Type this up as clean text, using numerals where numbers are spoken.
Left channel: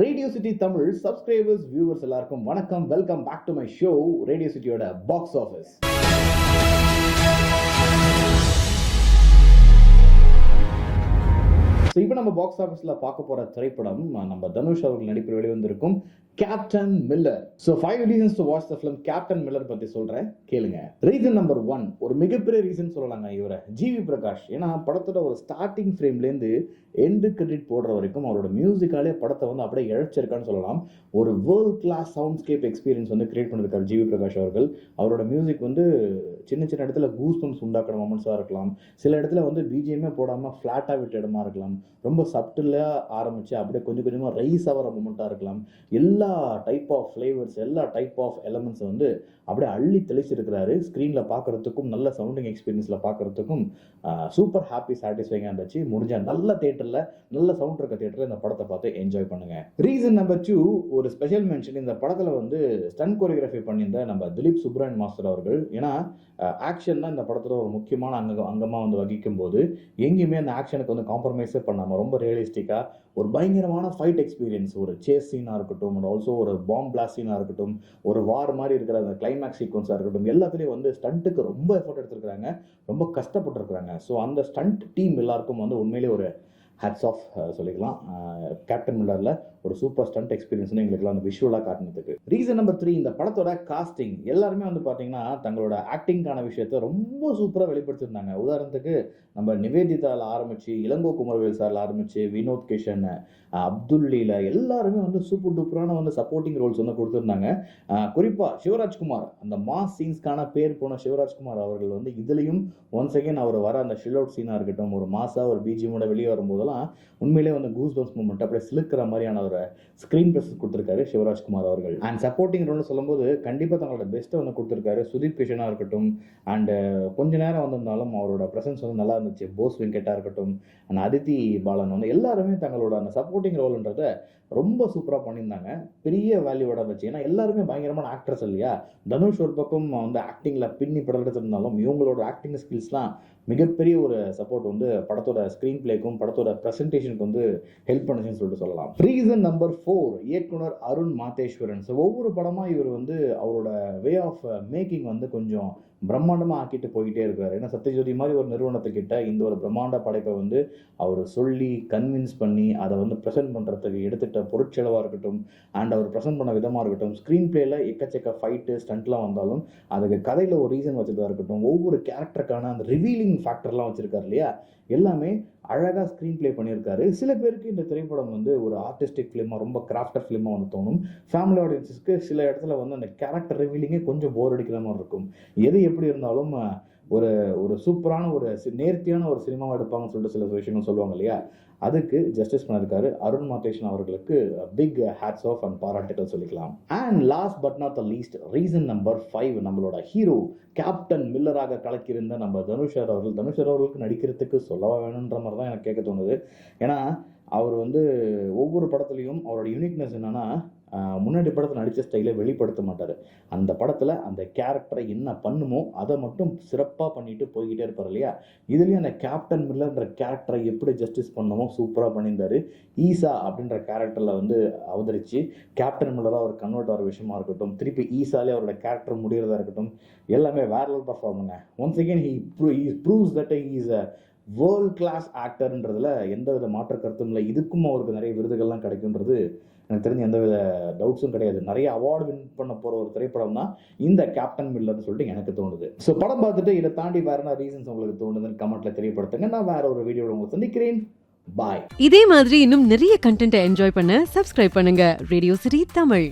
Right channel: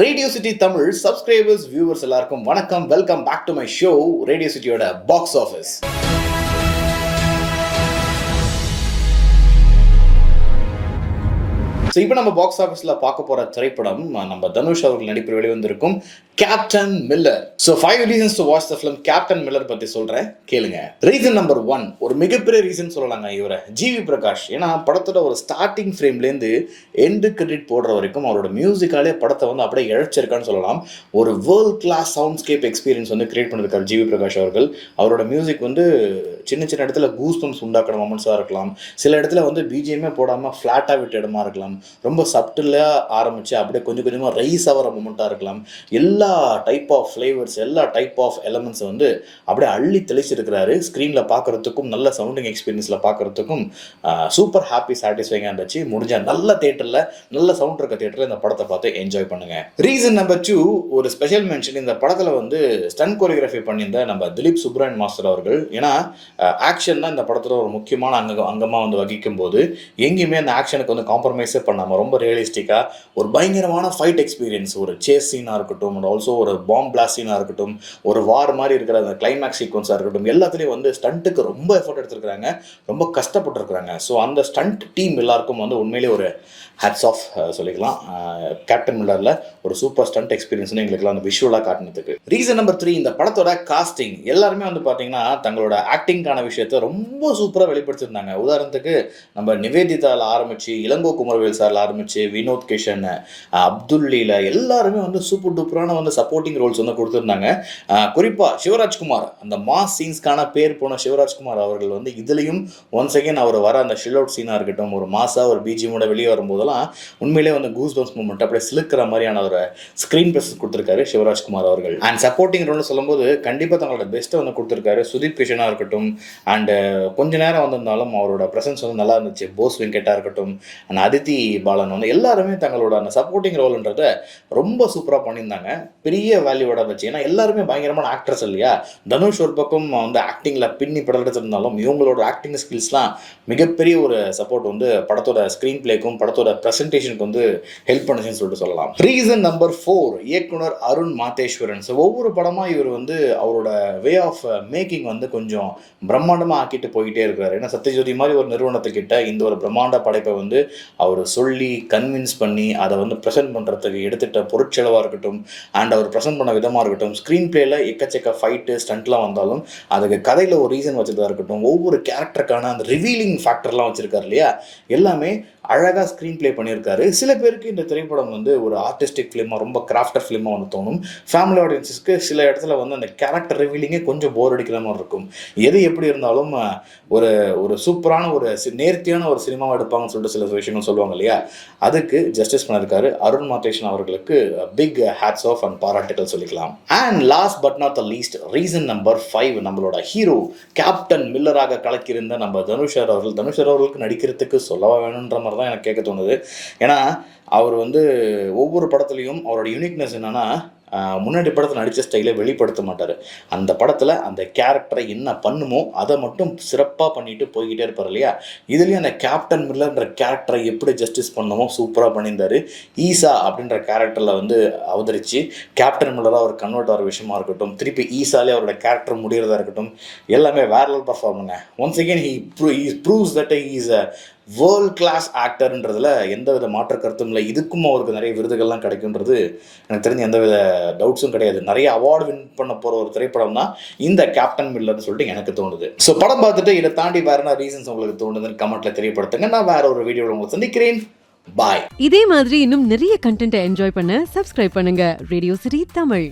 Radio city Tamil subscribers viewers எல்லாருக்கும் வணக்கம். Welcome back to my show radio சிட்டியோட box office. So இப்போ நம்ம பாக்ஸ் ஆஃபீஸில் பார்க்க போகிற திரைப்படம் நம்ம தனுஷ் அவர்கள் நடிப்பில் வெளிவந்திருக்கும் Captain Miller. So 5 reasons to watch the film Captain Miller பற்றி சொல்கிறேன், கேளுங்க. ரீசன் நம்பர் 1, ஒரு மிகப்பெரிய ரீசன் சொல்லலாங்க இவரை, ஜிவி பிரகாஷ். ஏன்னா படத்தோட ஒரு ஸ்டார்டிங் ஃப்ரேம்லேருந்து எண்டு கிரெடிட் போடுற வரைக்கும் அவரோட மியூசிக்காலே படத்தை வந்து அப்படியே இழைச்சிருக்கான்னு சொல்லலாம். ஒரு வேர்ல்ட் கிளாஸ் சவுண்ட்ஸ்கேப் எக்ஸ்பீரியன்ஸ் வந்து கிரியேட் பண்ணியிருக்காரு ஜிவி பிரகாஷ் அவர்கள். அவரோட மியூசிக் வந்து சின்ன சின்ன இடத்துல கூஸ் பம்ப்ஸ் உண்டாக்குற மொமெண்ட்ஸாக இருக்கலாம், சில இடத்துல வந்து பிஜிஎம்மே போடாமல் ஃப்ளாட்டாக விட்ட இடமா இருக்கலாம், ரொம்ப சப்டிலாக ஆரம்பித்து அப்படியே கொஞ்சம் கொஞ்சமாக ரைஸ் ஆகிற மூமெண்ட்டாக இருக்கலாம். எல்லா டைப் ஆஃப் ஃப்ளேவர்ஸ், எல்லா டைப் ஆஃப் எலமெண்ட்ஸை வந்து அப்படியே அள்ளி தெளிச்சிருக்கிறாரு. ஸ்க்ரீனில் பார்க்குறதுக்கும் நல்ல சவுண்டிங் எக்ஸ்பீரியன்ஸில் பார்க்குறதுக்கும் சூப்பர் ஹாப்பி சாட்டிஸ்ஃபைங்காக இருந்துச்சு. முடிஞ்ச நல்ல தேட்டரில், நல்ல சவுண்ட் இருக்க தேட்டரில் இந்த படத்தை பார்த்து என்ஜாய் பண்ணுங்கள். ரீசன் நம்பர் 2, ஒரு ஸ்பெஷல் மென்ஷன் இந்த படத்தில் வந்து ஸ்டன் கோரியோகிராஃபி பண்ணியிருந்த நம்ம திலீப் சுப்ராயன் மாஸ்டர் அவர்கள். ஏன்னா ஆக்ஷன் தான் இந்த படத்தில் ஒரு முக்கியமான அங்கமாக வந்து வகிக்கும் போது எங்கேயுமே அந்த ஆக்ஷனுக்கு வந்து காம்ப்ரமைஸே பண்ணாமல் ரொம்ப ரியலிஸ்டிக்காக ஒரு பயங்கரமான ஃபைட் எக்ஸ்பீரியன்ஸ், ஒரு சேஸ் சீனாக இருக்கட்டும், அண்ட் ஆல்சோ ஒரு பாம் பிளாஸ்ட் சீனாக இருக்கட்டும், ஒரு வார் மாதிரி இருக்கிற அந்த கிளைமேக்ஸ் சீக்வன்ஸாக இருக்கட்டும், எல்லாத்துலேயும் வந்து ஸ்டண்ட்டுக்கு ரொம்ப எஃபர்ட் எடுத்துருக்காங்க, ரொம்ப கஷ்டப்பட்டுருக்குறாங்க. ஸோ அந்த ஸ்டண்ட் டீம் எல்லாருக்கும் வந்து உண்மையிலே ஒரு ஹேட்ஸ் ஆஃப் சொல்லிக்கலாம். கேப்டன் மில்லரில் ஒரு சூப்பர் ஸ்டண்ட் எக்ஸ்பீரியன்ஸ்னு எங்களுக்குலாம் அந்த விஷுவலாக காட்டினதுக்கு. ரீசன் நம்பர் 3, இந்த படத்தோட காஸ்டிங். எல்லாருமே வந்து பார்த்தீங்கன்னா தங்களோட ஆக்டிங்கான விஷயத்தை ரொம்ப சூப்பராக வெளிப்படுத்திருந்தாங்க. உதாரணத்துக்கு நம்ம நிவேதிதாவில் ஆரம்பித்து, இளங்கோ குமரவேல் சாரில் ஆரம்பித்து, வினோத் கிஷன், அப்துல்லீல எல்லாருமே வந்து சூப்பர் டூப்பரான வந்து சப்போர்ட்டிங் ரோல்ஸ் வந்து கொடுத்துருந்தாங்க. குறிப்பாக சிவராஜ்குமார், அந்த மாஸ் சீன்ஸ்க்கான பேர் போன சிவராஜ்குமார் அவர்கள் வந்து இதுலேயும் ஒன்ஸ் அகேன் அவர் வர அந்த ஷில் அவுட் சீனாக இருக்கட்டும், ஒரு மாஸாக ஒரு பிஜிஎமோட வெளியே வரும்போது உண்மையிலே வந்து கூஸ் பம்ப்ஸ் மூமெண்ட் அப்படியே சிலுக்கிற மாதிரியான ஒரு ஸ்க்ரீன் பிரசன்ஸ் கொடுத்துருக்காரு சிவராஜ்குமார் அவர்கள். அண்ட் சப்போர்ட்டிங் ரோல்னு சொல்லும்போது கண்டிப்பாக தங்களோட பெஸ்ட்டை வந்து கொடுத்துருக்காரு. சுதீப் கிஷனாக இருக்கட்டும், அண்டு கொஞ்ச நேரம் வந்திருந்தாலும் அவரோட ப்ரெசன்ஸ் வந்து நல்லா இருந்துச்சு. போஸ் வெங்கட்டாக இருக்கட்டும், அண்ட் அதித்தி பாலன் வந்து எல்லாருமே தங்களோட அந்த சப்போர்ட்டிங் ரோல்ன்றதை ரொம்ப சூப்பராக பண்ணியிருந்தாங்க. பெரிய வேல்யூவோட இருந்துச்சு. ஏன்னா எல்லாருமே பயங்கரமான ஆக்ட்ரஸ் இல்லையா. தனுஷ் ஒரு பக்கம் வந்து ஆக்டிங்கில் பின்னி படத்துருந்தாலும் இவங்களோட ஆக்டிங் ஸ்கில்ஸ்லாம் மிகப்பெரிய ஒரு சப்போர்ட் வந்து படத்தோட ஸ்க்ரீன் பிளேக்கும் படத்தோட ப்ரெசன்டேஷனுக்கு வந்து ஹெல்ப் பண்ணுச்சுன்னு சொல்லிட்டு சொல்லலாம். ரீசன் நம்பர் 4, இயக்குனர் அருண் மாதேஸ்வரன். ஸோ ஒவ்வொரு படமாக இவர் வந்து அவரோட வே ஆஃப் மேக்கிங் வந்து கொஞ்சம் பிரம்மாண்டமாக ஆக்கிட்டு போயிட்டே இருக்கிறார். ஏன்னா சத்யஜோதி மாதிரி ஒரு நிறுவனத்துக்கிட்ட இந்த ஒரு பிரம்மாண்ட படைப்பை வந்து அவர் சொல்லி கன்வின்ஸ் பண்ணி அதை வந்து ப்ரெசென்ட் பண்ணுறதுக்கு எடுத்துகிட்ட பொருட்செலவாக இருக்கட்டும், அண்ட் அவர் ப்ரெசென்ட் பண்ண விதமாக இருக்கட்டும், ஸ்க்ரீன் பிளேயில் எக்கச்சக்க ஃபைட்டு ஸ்டண்ட்லாம் வந்தாலும் அதுக்கு கதையில் ஒரு ரீசன் வச்சதாக இருக்கட்டும், ஒவ்வொரு கேரக்டருக்கான அந்த ரிவீலிங் ஃபேக்டர்லாம் வச்சுருக்காரு இல்லையா, எல்லாமே அழகாக ஸ்க்ரீன் ப்ளே பண்ணியிருக்காரு. சில பேருக்கு இந்த திரைப்படம் வந்து ஒரு ஆர்டிஸ்டிக் ஃபிலிமாக, ரொம்ப கிராஃப்டர் ஃபிலிமாக வந்து தோணும். ஃபேமிலி ஆடியன்ஸஸ்க்கு சில இடத்துல வந்து அந்த கேரக்டர் ரிவீலிங்கே கொஞ்சம் போர் அடிக்கிற மாதிரி இருக்கும். எது எப்படி இருந்தாலும் ஒரு ஒரு சூப்பரான ஒரு நேர்த்தியான ஒரு சினிமாவை எடுப்பாங்கன்னு சொல்லிட்டு சில விஷயங்கள் சொல்லுவாங்க இல்லையா, அதுக்கு ஜஸ்டிஸ் பண்ணியிருக்காரு அருண் மாதேஸ்வரன் அவர்களுக்கு. பிக் ஹேட்ஸ் ஆஃப் அண்ட் பாராட்டுகள் சொல்லிக்கலாம். And last but not the least, reason number 5, நம்மளோட ஹீரோ கேப்டன் மில்லராக கலக்கியிருந்த நம்ம தனுஷ் அவர்களுக்கு நடிக்கிறதுக்கு சொல்லவா வேணுன்ற மாதிரி தான் எனக்கு கேட்க தோணுது. ஏன்னா அவர் வந்து ஒவ்வொரு படத்துலையும் அவரோட யூனிக்னஸ் என்னென்னா, முன்னாடி படத்தில் நடித்த ஸ்டைலை வெளிப்படுத்த மாட்டார். அந்த படத்தில் அந்த கேரக்டரை என்ன பண்ணுமோ அதை மட்டும் சிறப்பாக பண்ணிட்டு போய்கிட்டே இருப்பார் இல்லையா. இதுலேயும் அந்த கேப்டன் மில்லர்ன்ற கேரக்டரை எப்படி ஜஸ்டிஸ் பண்ணமோ சூப்பராக பண்ணியிருந்தார். ஈசா அப்படின்ற கேரக்டரில் வந்து அவதரித்து கேப்டன் மில்லராக அவர் கன்வெர்ட் ஆகிற விஷயமா இருக்கட்டும், திருப்பி ஈசாலே அவரோட கேரக்டர் முடிகிறதா இருக்கட்டும், எல்லாமே வேற லெவல் பர்ஃபார்மங்க. Once again he proves that he is a world class ஆக்டர்ன்றதில் எந்த வித மாற்ற கருத்தும் இல்லை. இதுக்கும் அவருக்கு நிறைய விருதுகள்லாம் கிடைக்குன்றது எனக்கு தெரிஞ்ச எந்த வித டவுட்ஸும் கிடையாது. நிறைய அவார்டு வின் பண்ண போகிற ஒரு திரைப்படம் தான் இந்த கேப்டன் மில்லர்னு சொல்லிட்டு எனக்கு தோணுது. ஸோ படம் பார்த்துட்டு இதை தாண்டி வேற என்ன ரீசன்ஸ் உங்களுக்கு தோணுதுன்னு கமெண்ட்டில் தெரியப்படுத்துங்க. நான் வேற ஒரு வீடியோவில் உங்களை சந்திக்கிறேன். பாய். இதே மாதிரி இன்னும் நிறைய கண்டென்ட்டை என்ஜாய் பண்ண சப்ஸ்கிரைப் பண்ணுங்க ரேடியோ சிட்டி தமிழ்.